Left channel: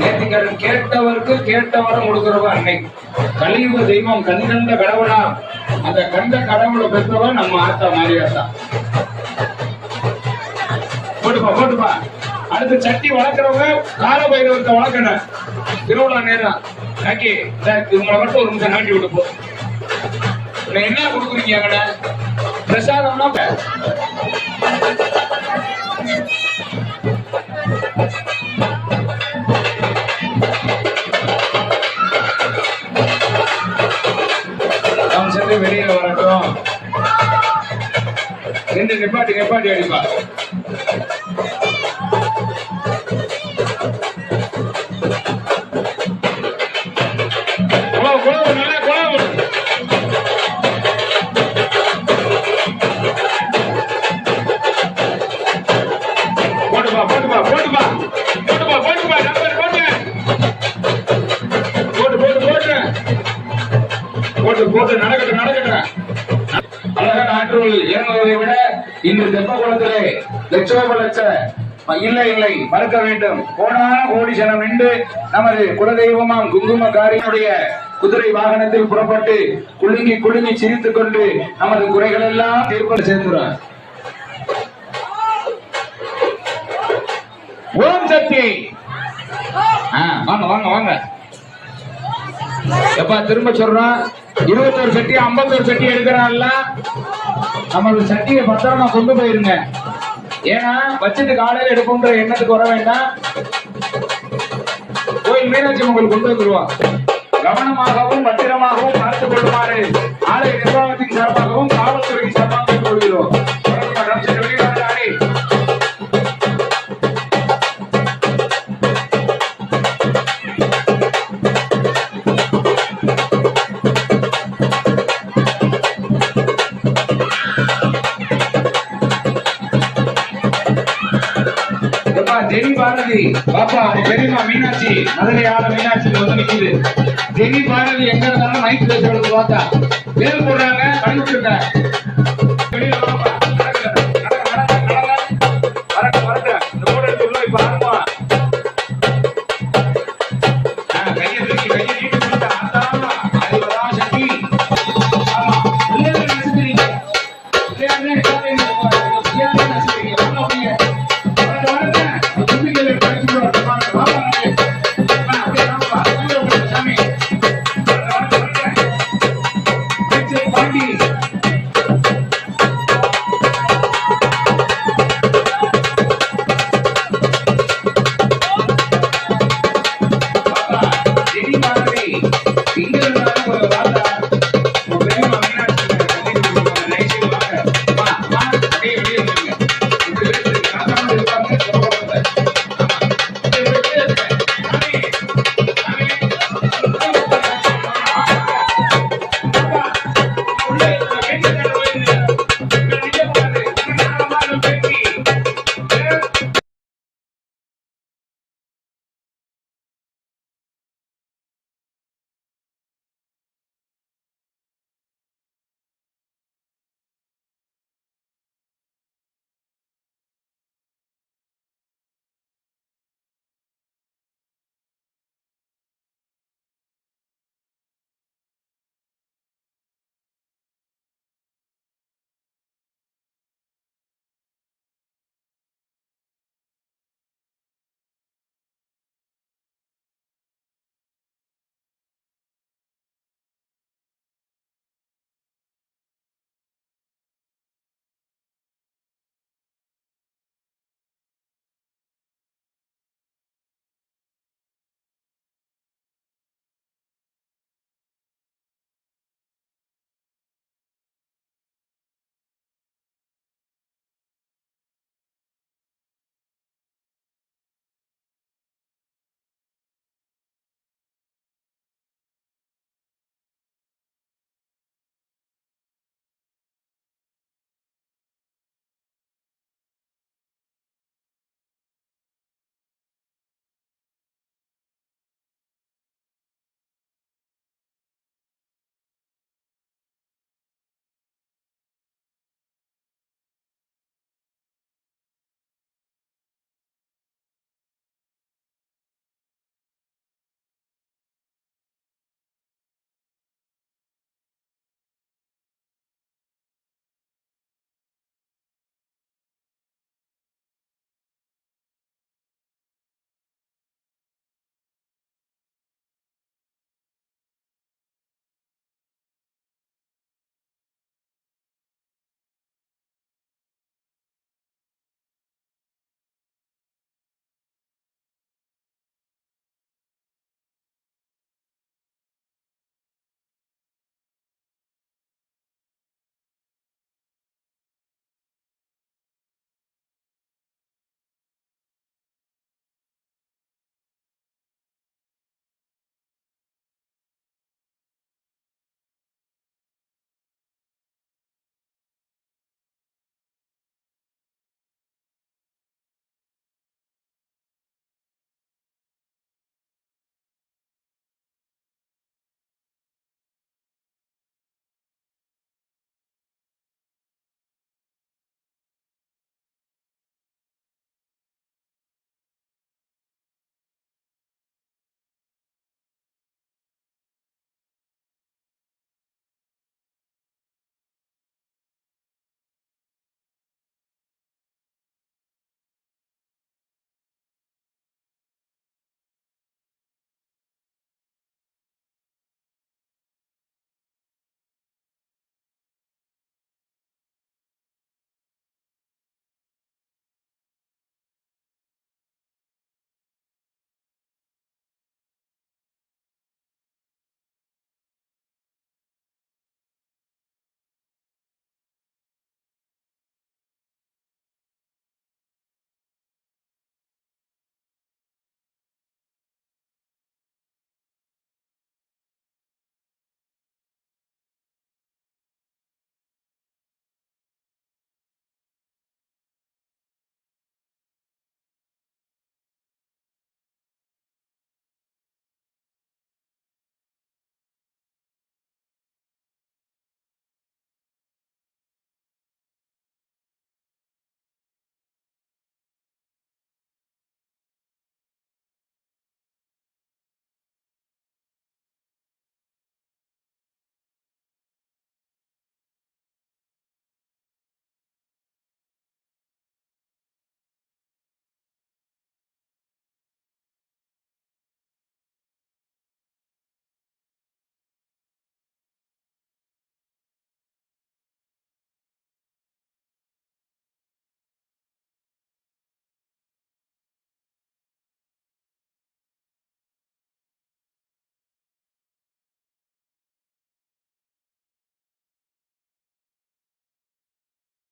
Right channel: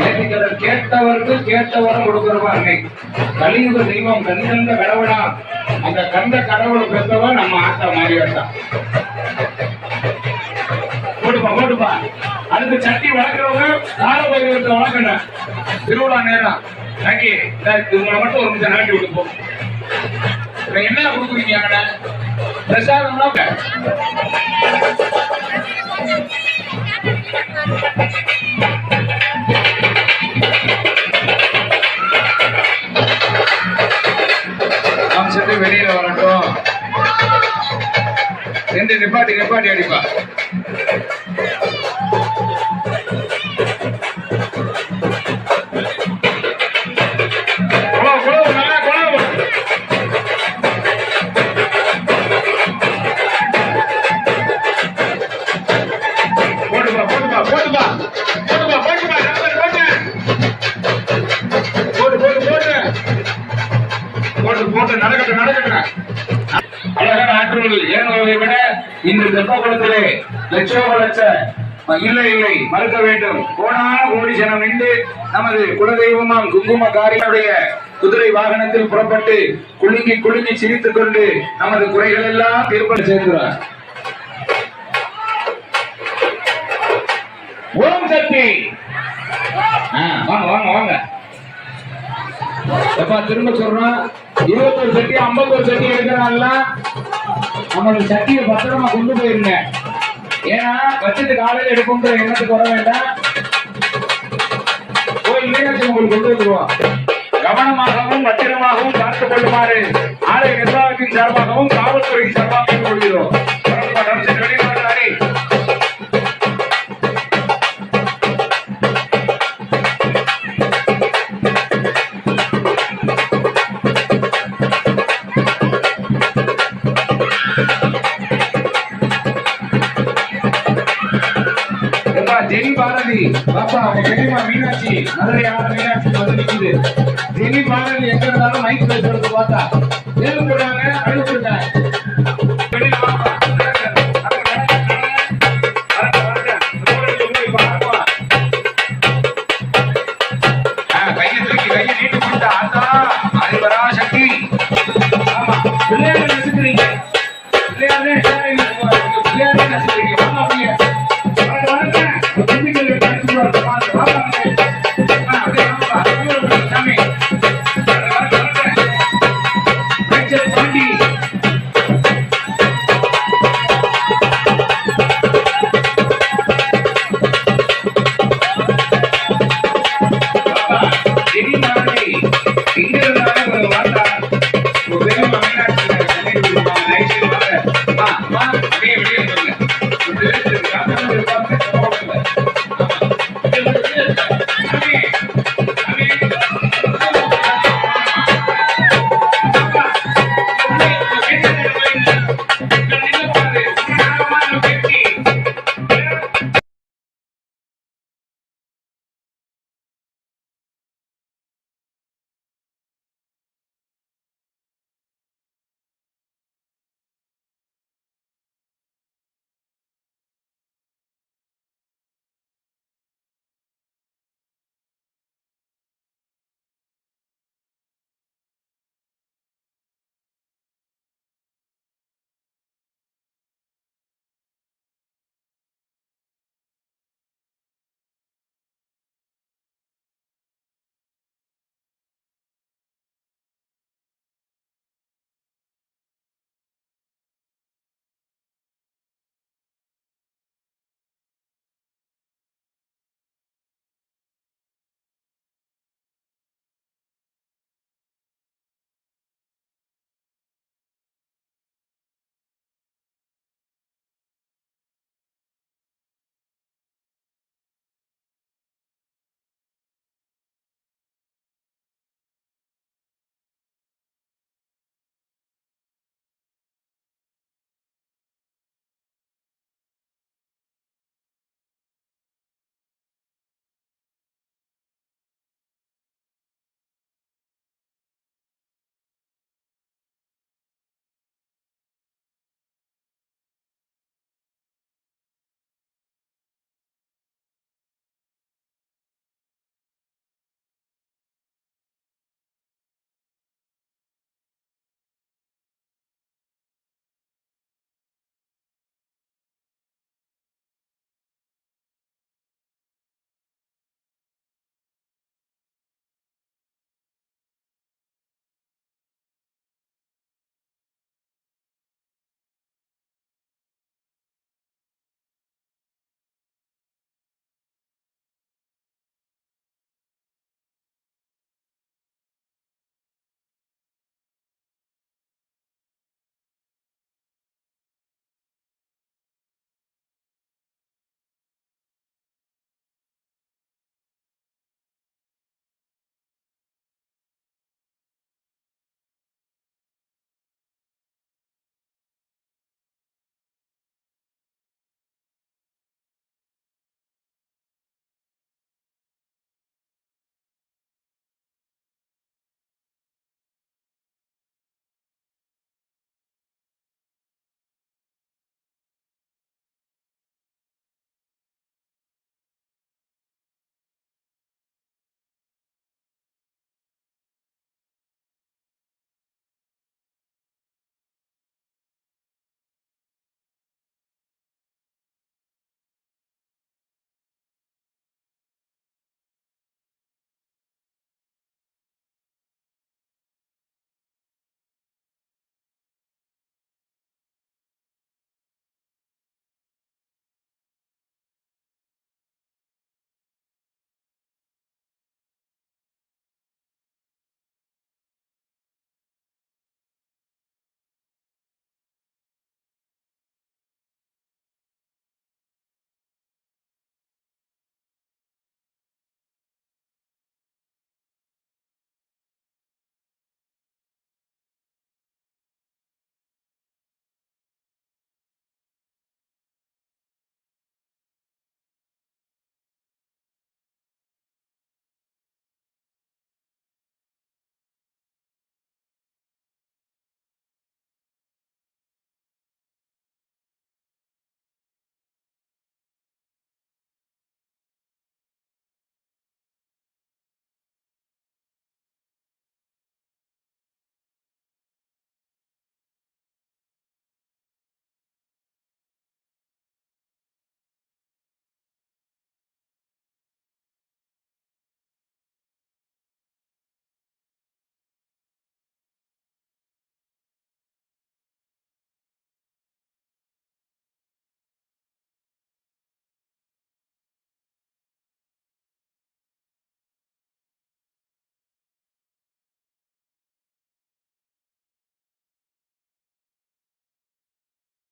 நேர்த்திக்கடன் கேட்டவருக்கு கேட்டவரும் கொடுக்கிறவா அன்னை கலியுக தெய்வம் கண்கண்ட கடவுளா? அந்த கண்ட கடவுளை பெற்றவா நம்ம ஆத்தா மாரியாத்தா. போட்டுப்பா போட்டுப்பா. அடுத்து சட்டி வளர்க்குறவங்க கால பைரவத்தை வளர்க்கணும். திருவிழா நேரம். நாக்கி இவங்களை மட்டும் ஒரு நிமிஷம் நாட்டி விட்டு போ என்ன கொடுக்குறீங்க அங்கன பிரசாதம்னா you. நிப்பாட்டி நிப்பாட்டி அடிப்பா இன்று தெப்பகுளத்திலே லட்சோப லட்ச இல்லை இல்லை மறுக்க வேண்டும். போனான கோடி ஜனம் நின்று நமது குலதெய்வமாம் குங்கும காரியனுடைய குதிரை வாகனத்தில் புறப்பட்டு குலுங்கி குலுங்கி சிரித்துக் கொண்டு நமது குறைகள் எல்லாம் தீர்ப்பு சேர்க்கிறார். ஓம் சக்தி. வாங்க வாங்க வாங்க. எப்பா திரும்ப சொல்றோம் இருபத்தொரு சட்டி ஐம்பத்தொரு சட்டி எடுக்கிறான்ல? நம்மளோட சட்டியை பத்திரமா கொண்டு போயிருங்க. ஏன்னா வச்சுட்டு காலையில் எடுப்போம்ன்ற எண்ணத்துக்கு வர வேண்டாம். கோயில் மீனாட்சி உங்களுக்கு கொண்டு வந்துருவோம் கவனமாகவும் பத்திரமாகவும் பார்த்துக் கொள்ளுமாறு ஜெனி பாரதி பாப்பா உங்க பெரியமா மீனாட்சி மதுரை ஆட மீனாட்சி வந்து நிற்குது ஜெனி பாரதி எங்க இருந்தாலும் மைக் பேசுறது பார்த்தா. பேரு போடுறாங்க அனுப்பிச்சுருங்க வெளியில வாப்பா